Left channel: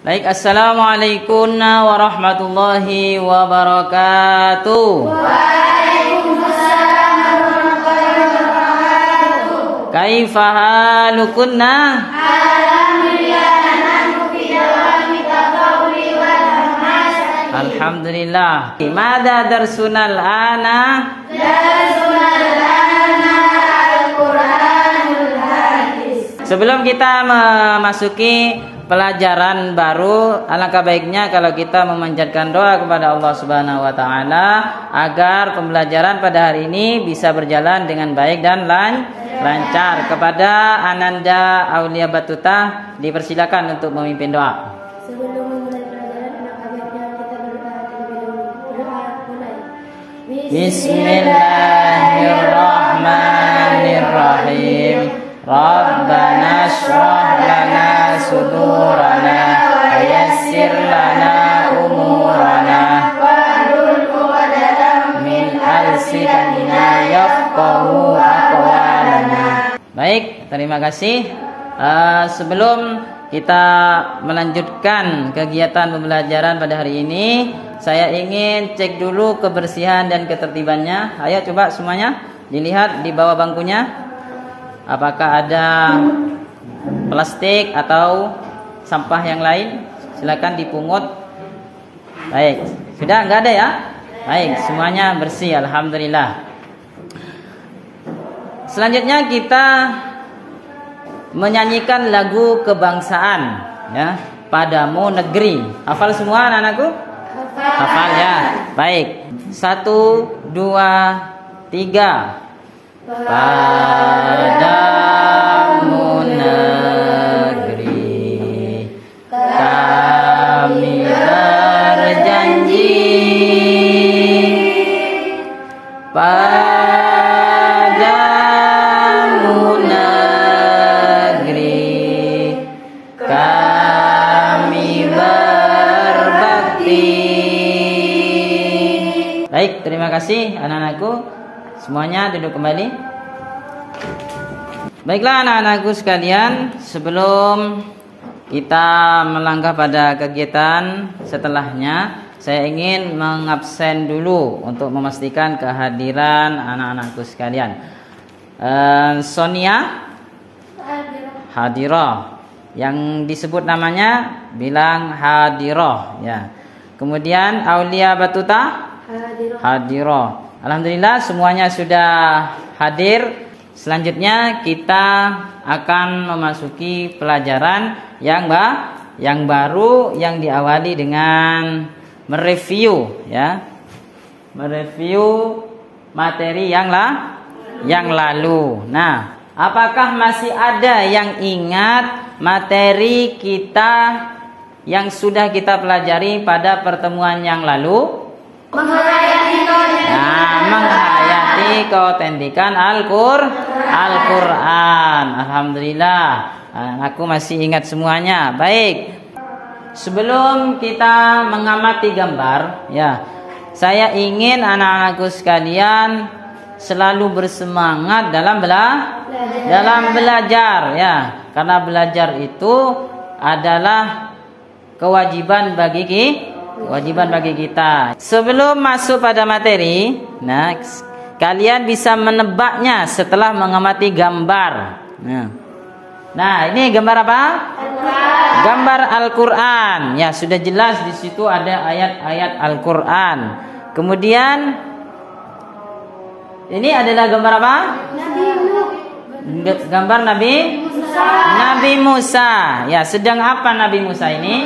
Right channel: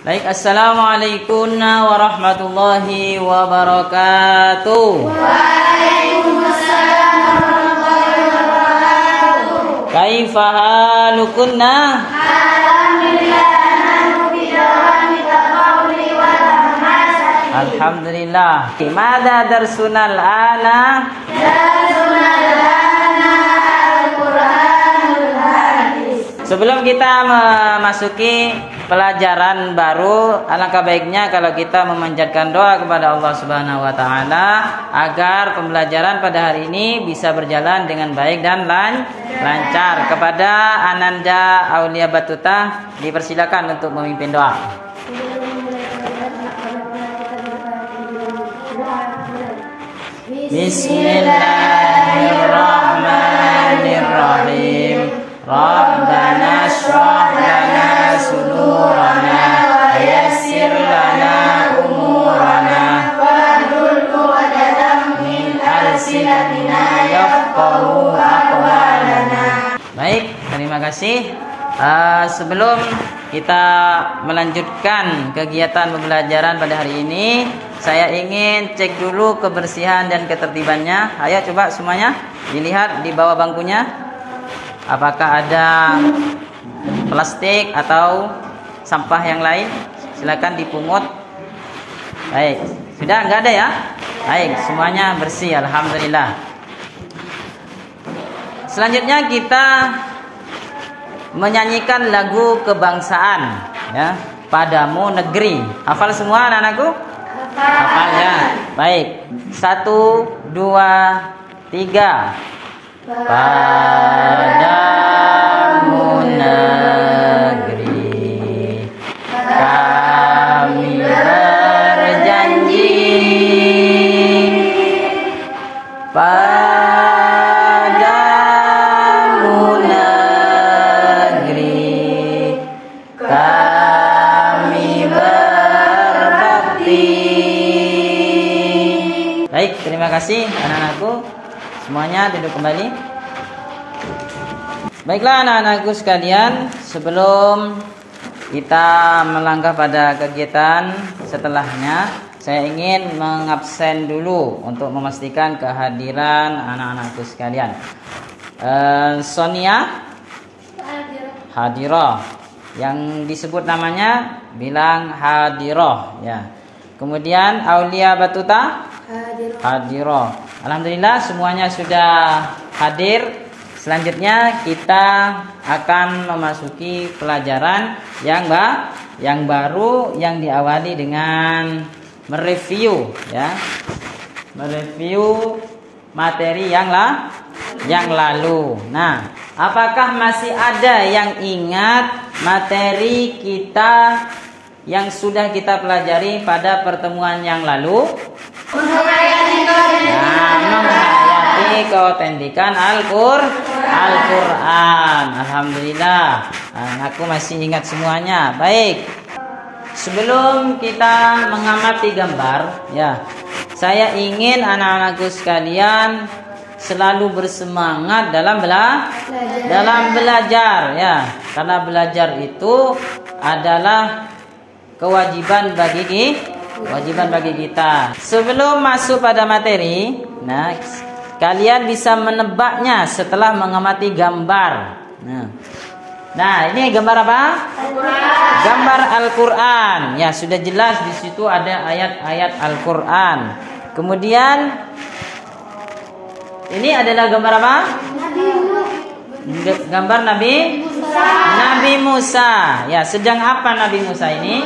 Baik, assalamualaikum warahmatullahi wabarakatuh. Waalaikumsalam warahmatullahi wabarakatuh. Kaifa halukunna? Alhamdulillah nahnu fi dawami tafawuli wal hamasati. Alhamdulillah. Mada darsunal ana? Darsunal ana al-Qur'anul hadis. Sebelum kita memasuki pelajaran baru, alangkah baiknya kalau kita memanjatkan doa kepada Allah Subhanahu wa taala agar pembelajaran pada hari ini bisa berjalan dengan baik dan lancar. Kepada Ananda Aulia Batuta dipersilakan untuk memimpin doa. Bismillahirrahmanirrahim. Rabbana shrah lana sudurana wa yassir lana umurana Wahlul 'uqdatam min alsinatina yafqahu aqwalana. Baik, terima kasih. Sebelum kita melanjutkan kegiatan pembelajaran pada hari ini, saya ingin cek dulu kebersihan dan ketertibannya. Ayo coba semuanya dilihat di bawah bangkunya. Apakah ada plastik atau sampah yang lain? Silakan dipungut. Baik, sudah enggak ada ya? Baik, semuanya bersih, alhamdulillah. Selanjutnya kita menyanyikan lagu kebangsaan, ya, Padamu Negeri. Hafal semua anak-anakku? Hafal ya. Baik. 1, 2, 3. Padamu negeri kami berjanji, padamu negeri kami berbakti. Baik, terima kasih anak-anakku. Semuanya duduk kembali. Baiklah anak-anakku sekalian, sebelum kita melangkah pada kegiatan setelahnya, saya ingin mengabsen dulu untuk memastikan kehadiran anak-anakku sekalian. Sonia hadirah. Yang disebut namanya bilang hadirah ya. Kemudian Aulia Batuta hadirah. Alhamdulillah semuanya sudah hadir. Selanjutnya kita akan memasuki pelajaran yang baru yang diawali dengan mereview ya. Mereview materi yang lalu. Nah, apakah masih ada yang ingat materi kita yang sudah kita pelajari pada pertemuan yang lalu? Menghayati keautentikan Al-Quran. Alhamdulillah, aku masih ingat semuanya. Baik, sebelum kita mengamati gambar ya, saya ingin anak-anakku sekalian selalu bersemangat dalam belajar ya, karena belajar itu adalah kewajiban bagi kita. Sebelum masuk pada materi, nah, kalian bisa menebaknya setelah mengamati gambar. Nah, ini gambar apa? Al-Quran. Gambar Al-Quran. Ya, sudah jelas di situ ada ayat-ayat Al-Quran. Kemudian ini adalah gambar apa? Gambar Nabi Musa. Ya, sedang apa Nabi Musa ini?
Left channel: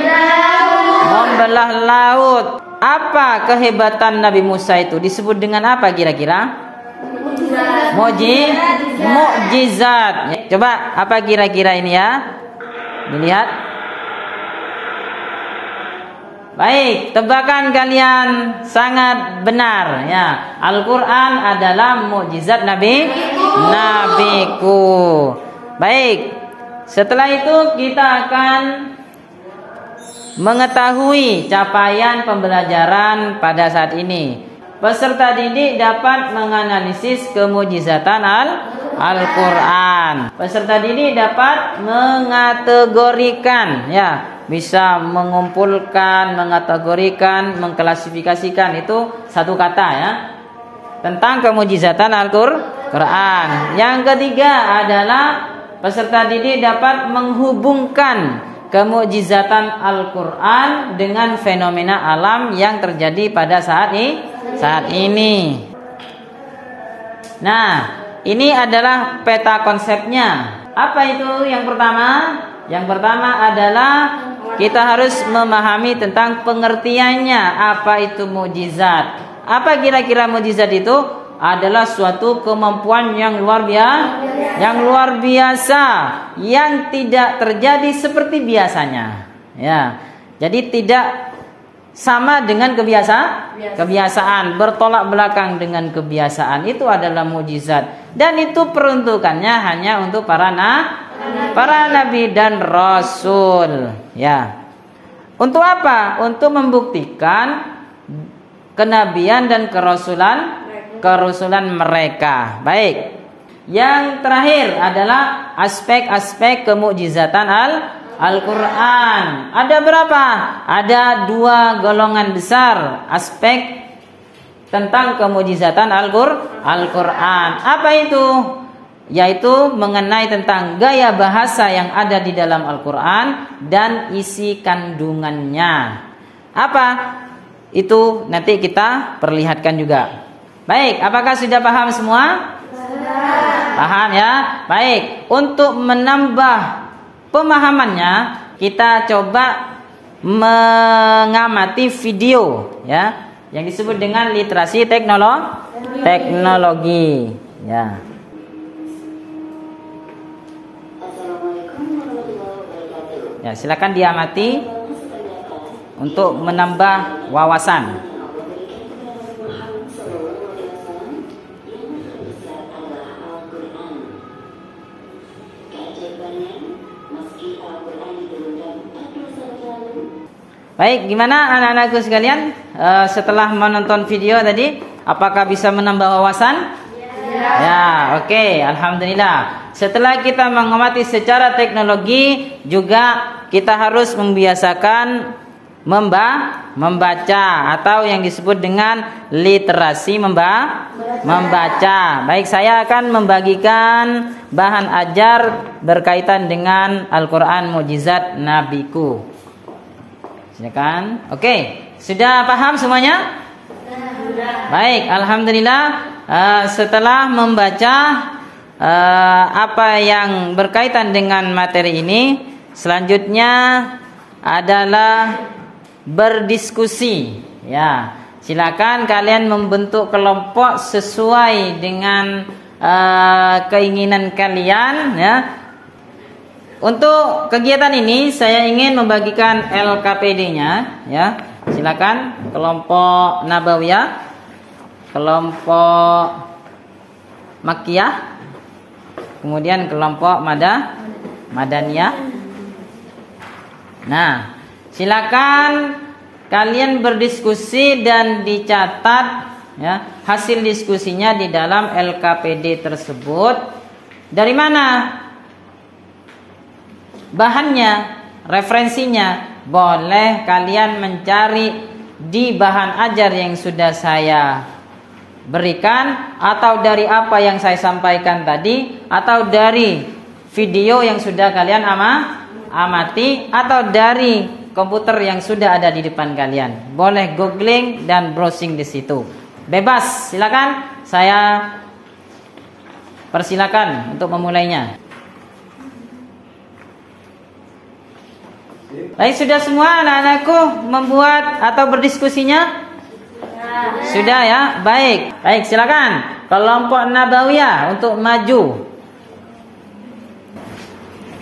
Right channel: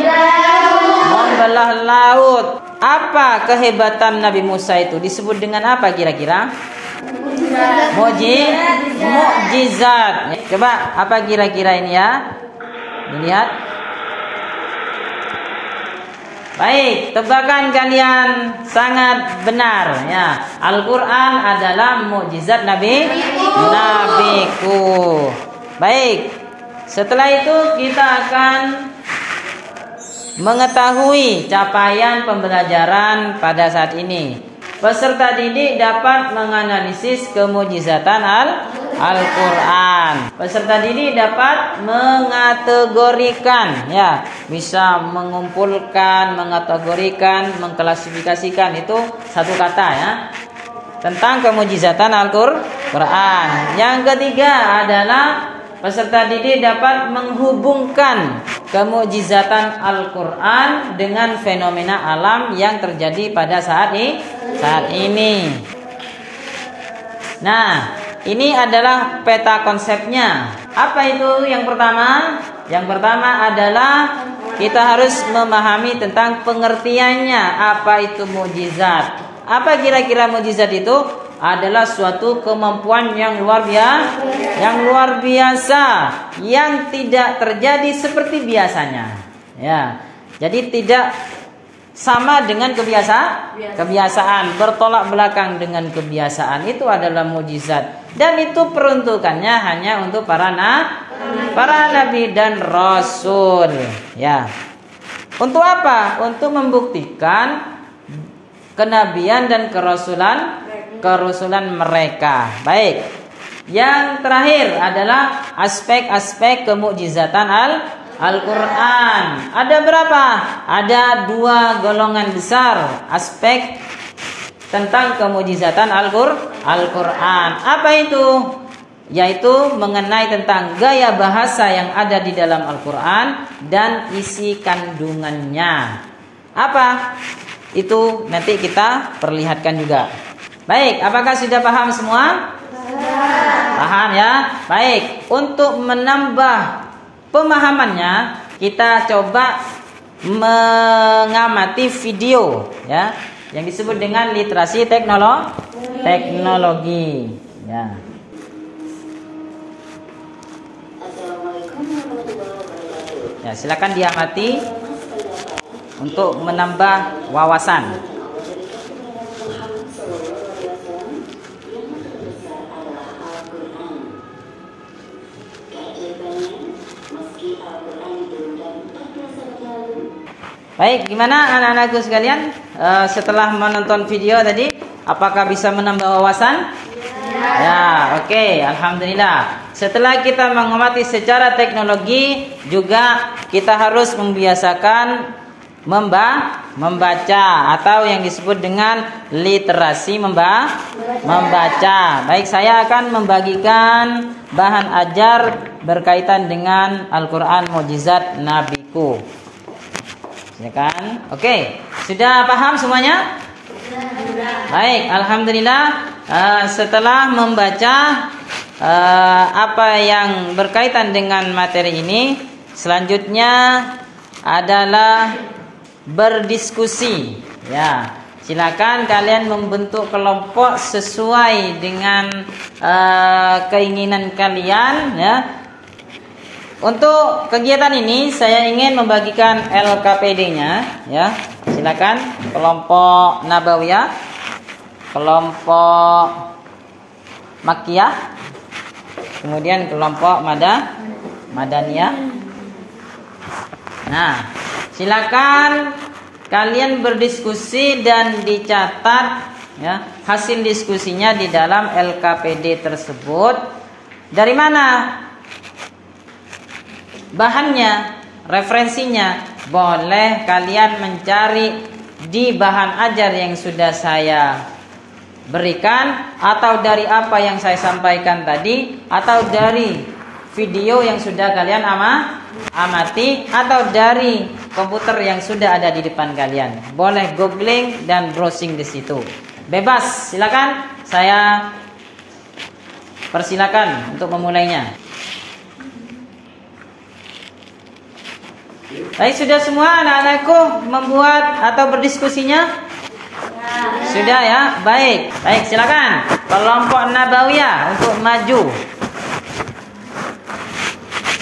Membelah laut. Apa kehebatan Nabi Musa itu? Disebut dengan apa kira-kira? Mukjizat. Coba apa kira-kira ini ya? Dilihat. Baik, tebakan kalian sangat benar ya. Al-Quran adalah mukjizat nabiku. Baik, setelah itu kita akan mengetahui capaian pembelajaran pada saat ini. Peserta didik dapat menganalisis kemujizatan Al-Quran. Al-Quran. Peserta didik dapat mengategorikan, ya, bisa mengumpulkan, mengategorikan, mengklasifikasikan, itu satu kata, ya, tentang kemujizatan Al-Quran. Yang ketiga adalah peserta didik dapat menghubungkan kemujizatan Al-Quran dengan fenomena alam yang terjadi pada saat ini. Nah, ini adalah peta konsepnya. Apa itu yang pertama? Yang pertama adalah kita harus memahami tentang pengertiannya. Apa itu mujizat? Apa kira-kira mujizat itu? Adalah suatu kemampuan yang luar biasa, yang tidak terjadi seperti biasanya. Ya, jadi tidak sama dengan kebiasaan, bertolak belakang dengan kebiasaan. Itu adalah mujizat, dan itu peruntukannya hanya untuk para nabi dan rasul. Ya, untuk apa? Untuk membuktikan kenabian dan kerasulan mereka. Baik. Yang terakhir adalah aspek-aspek kemukjizatan Al-Quran. Ada berapa? Ada 2 golongan besar aspek tentang kemukjizatan Al-Quran. Apa itu? Yaitu mengenai tentang gaya bahasa yang ada di dalam Al-Quran dan isi kandungannya. Apa? Itu nanti kita perlihatkan juga. Baik, apakah sudah paham semua? Paham, ya? Baik, untuk menambah pemahamannya, kita coba mengamati video, ya, yang disebut dengan literasi teknologi. Ya. Ya, silakan diamati untuk menambah wawasan. Baik, gimana anak-anakku sekalian? Setelah menonton video tadi, apakah bisa menambah wawasan? Ya, oke, alhamdulillah. Setelah kita mengamati secara teknologi, juga kita harus membiasakan membaca atau yang disebut dengan literasi membaca. Baik, saya akan membagikan bahan ajar berkaitan dengan Al-Quran Mukjizat Nabiku. Silakan. Oke, sudah paham semuanya? Baik, alhamdulillah. Setelah membaca apa yang berkaitan dengan materi ini, selanjutnya adalah berdiskusi. Ya, silakan kalian membentuk kelompok sesuai dengan keinginan kalian. Ya. Untuk kegiatan ini saya ingin membagikan LKPD-nya, ya. Silakan kelompok Nabawiyah, kelompok Makkiyah, kemudian kelompok Madaniyah. Nah, silakan kalian berdiskusi dan dicatat, ya, hasil diskusinya di dalam LKPD tersebut. Dari mana bahannya, referensinya? Boleh kalian mencari di bahan ajar yang sudah saya berikan, atau dari apa yang saya sampaikan tadi, atau dari video yang sudah kalian amati, atau dari komputer yang sudah ada di depan kalian. Boleh googling dan browsing di situ. Bebas, silakan. Saya persilakan untuk memulainya. Baik, sudah semua anak-anakku membuat atau berdiskusinya? Sudah, ya. Baik, silakan. Kelompok Nabawiyah untuk maju.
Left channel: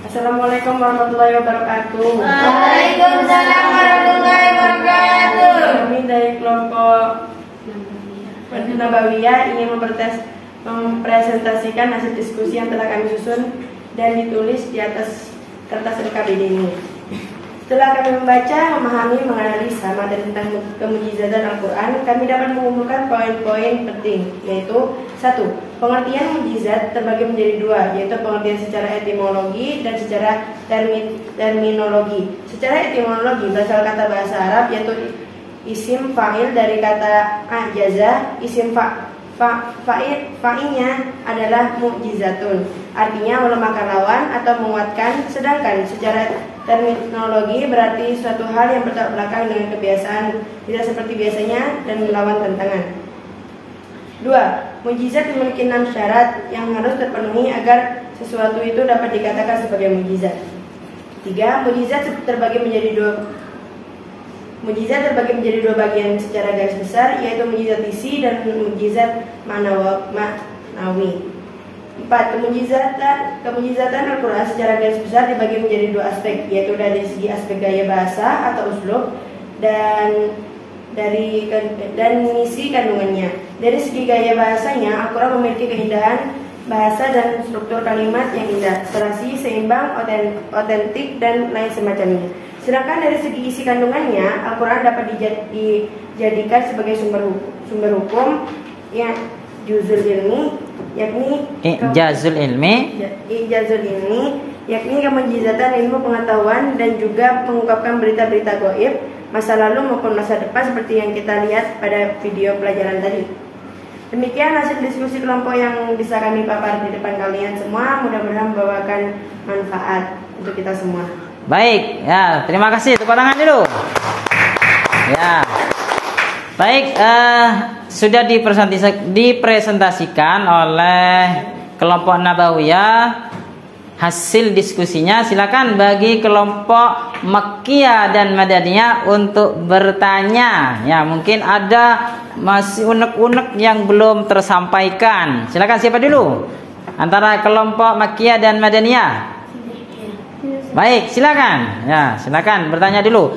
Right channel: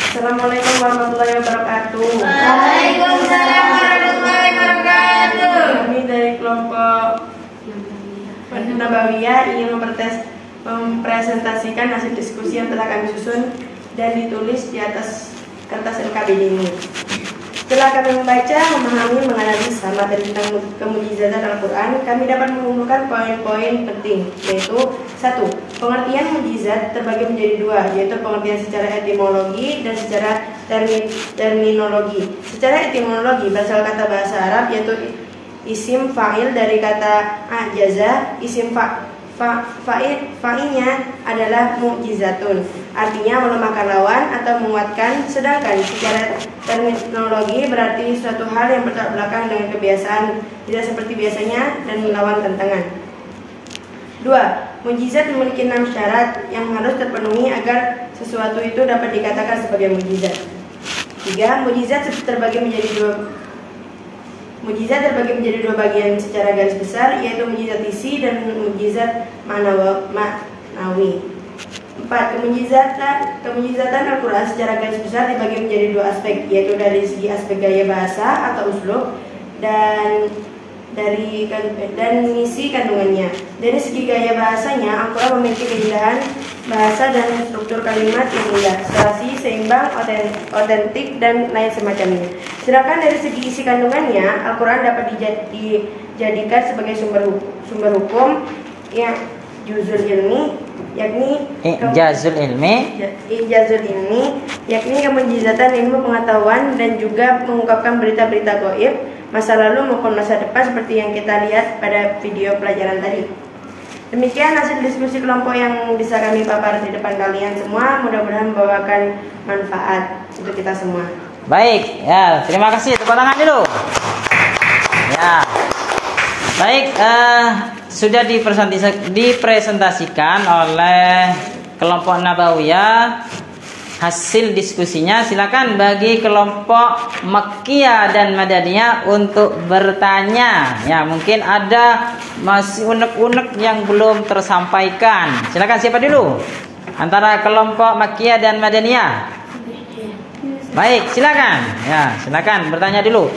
Assalamualaikum warahmatullahi wabarakatuh. Waalaikumsalam warahmatullahi wabarakatuh. Kami dari kelompok Nabawiyah ingin mempresentasikan hasil diskusi yang telah kami susun dan ditulis di atas kertas LKPD ini. Setelah kami membaca, memahami, menganalisa materi tentang kemujizatan Al-Quran, kami dapat mengumpulkan poin-poin penting, yaitu 1. Pengertian mukjizat terbagi menjadi dua, yaitu pengertian secara etimologi dan secara terminologi. Secara etimologi, berasal kata bahasa Arab yaitu isim fa'il dari kata ajaza. Isim fa'ilnya adalah mukjizatun, artinya melemahkan lawan atau menguatkan. Sedangkan secara terminologi berarti suatu hal yang bertolak belakang dengan kebiasaan, tidak seperti biasanya dan melawan tantangan. 2. Mukjizat memiliki 6 syarat yang harus terpenuhi agar sesuatu itu dapat dikatakan sebagai mukjizat. 3. Mukjizat terbagi menjadi dua bagian secara garis besar, yaitu mukjizat isi dan mukjizat maknawi. 4. Kemukjizatan Al-Quran secara garis besar dibagi menjadi dua aspek, yaitu dari segi aspek gaya bahasa atau uslub dan misi kandungannya. Dari segi gaya bahasanya, Al-Quran memiliki keindahan bahasa dan struktur kalimat yang indah, serasi, seimbang, otentik, dan lain semacamnya. Sedangkan dari segi isi kandungannya, Al-Quran dapat dijadikan sebagai sumber hukum yang juzul ilmi, yakni ijazul ilmi, yakni kemujizatan ilmu pengetahuan dan juga mengungkapkan berita-berita gaib masa lalu maupun masa depan seperti yang kita lihat pada video pelajaran tadi. Demikian hasil diskusi kelompok yang bisa kami papar di depan kalian semua. Mudah-mudahan membawakan manfaat untuk kita semua. Baik, ya, terima kasih. Tepuk tangan dulu. Ya, baik, sudah dipresentasikan oleh kelompok Nabawiyah hasil diskusinya. Silakan bagi kelompok Makkiyah dan Madaniyah untuk bertanya. Ya, mungkin ada masih unek-unek yang belum tersampaikan. Silakan, siapa dulu? Antara kelompok Makkiyah dan Madaniyah. Baik, silakan. Ya, silakan bertanya dulu.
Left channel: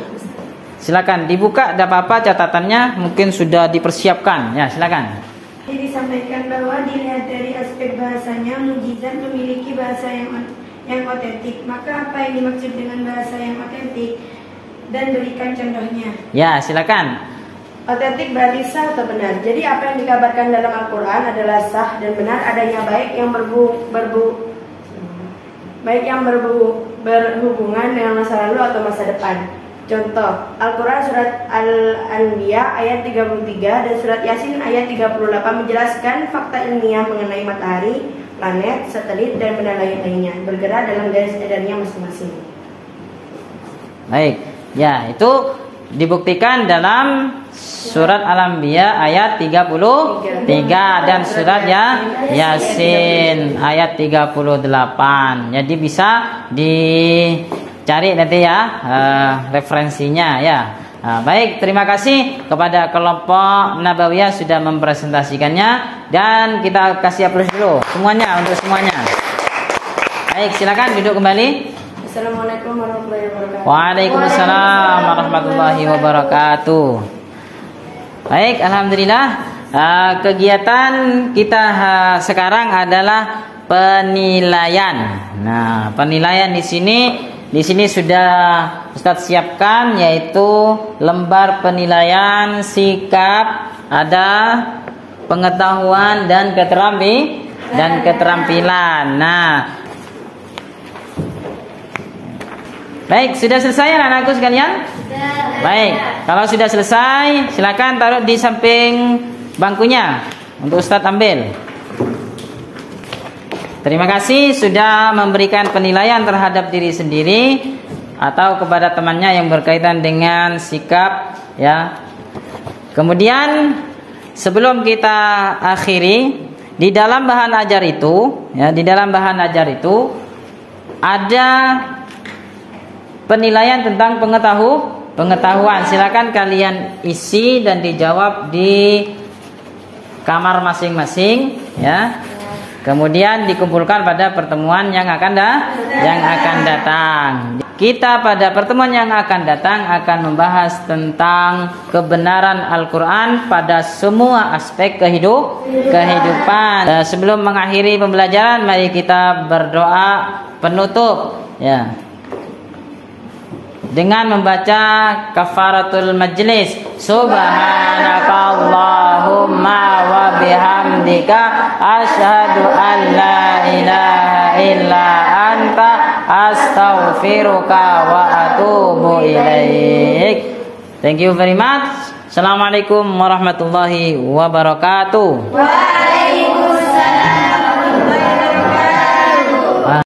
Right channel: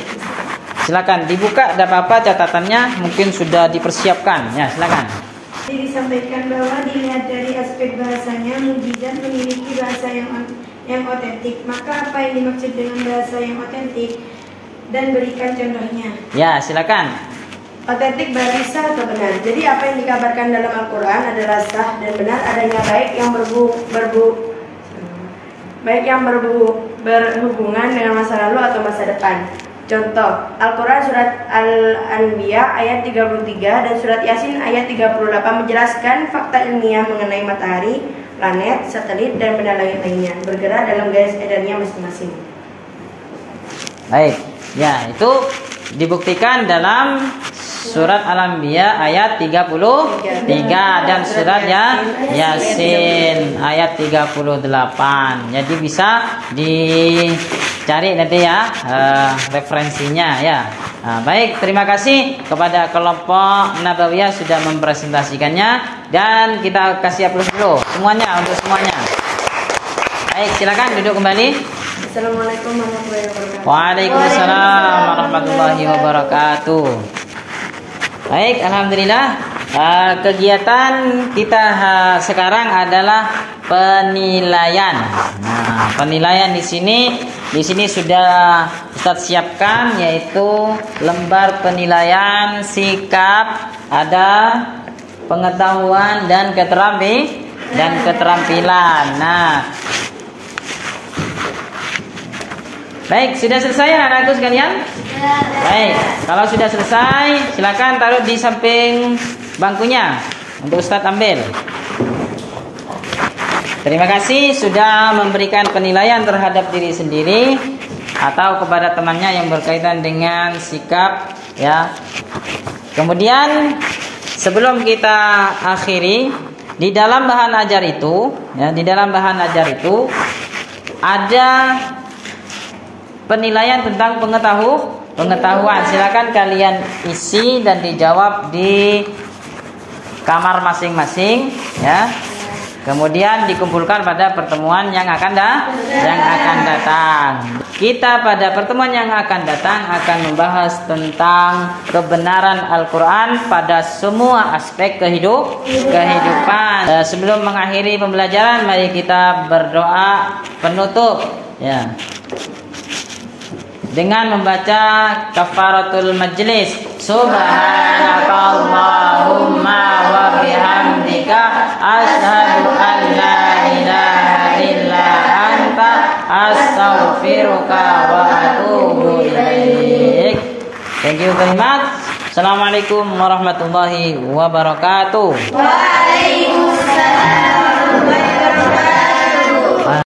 Silakan dibuka, ada apa-apa catatannya mungkin sudah dipersiapkan. Ya, silakan. Disampaikan bahwa dilihat dari aspek bahasanya, mukjizat memiliki bahasa yang otentik. Maka apa yang dimaksud dengan bahasa yang otentik? Dan berikan contohnya. Ya, silakan. Otentik berarti sah atau benar. Jadi apa yang dikabarkan dalam Al-Quran adalah sah dan benar adanya, baik yang berhubungan dengan masa lalu atau masa depan. Contoh, Al-Quran surat Al-Anbiya ayat 33 dan surat Yasin ayat 38 menjelaskan fakta ilmiah mengenai matahari, planet, satelit, dan benda langit lainnya bergerak dalam garis edarnya masing-masing. Baik, ya, itu dibuktikan dalam surat Al-Anbiya ayat 33 dan surat Yasin ayat 38. Jadi bisa dicari nanti ya referensinya ya. Nah, baik, terima kasih kepada kelompok Nabawiyah sudah mempresentasikannya dan kita kasih aplaus dulu semuanya untuk semuanya. Baik, silakan duduk kembali. Assalamualaikum warahmatullahi wabarakatuh. Waalaikumsalam warahmatullahi wabarakatuh. Baik, alhamdulillah. Kegiatan kita sekarang adalah penilaian. Nah, penilaian di sini sudah Ustaz siapkan, yaitu lembar penilaian sikap, ada pengetahuan dan keterampilan. Nah, baik, sudah selesai anak-anakku sekalian? Baik, kalau sudah selesai silakan taruh di samping bangkunya untuk Ustadz ambil. Terima kasih sudah memberikan penilaian terhadap diri sendiri atau kepada temannya yang berkaitan dengan sikap ya. Kemudian sebelum kita akhiri, di dalam bahan ajar itu ada penilaian tentang pengetahuan. Silakan kalian isi dan dijawab di kamar masing-masing ya. Kemudian dikumpulkan pada pertemuan yang akan datang. Kita pada pertemuan yang akan datang akan membahas tentang kebenaran Al-Quran pada semua aspek kehidupan. Sebelum mengakhiri pembelajaran, mari kita berdoa penutup ya, dengan membaca kafaratul majlis. Subhanakallahumma wa bihamdika bihamdika asyhadu an la ilaha illa anta astaghfiruka wa atubu ilaik. Thank you very much. Assalamualaikum warahmatullahi wabarakatuh. Waalaikumsalam.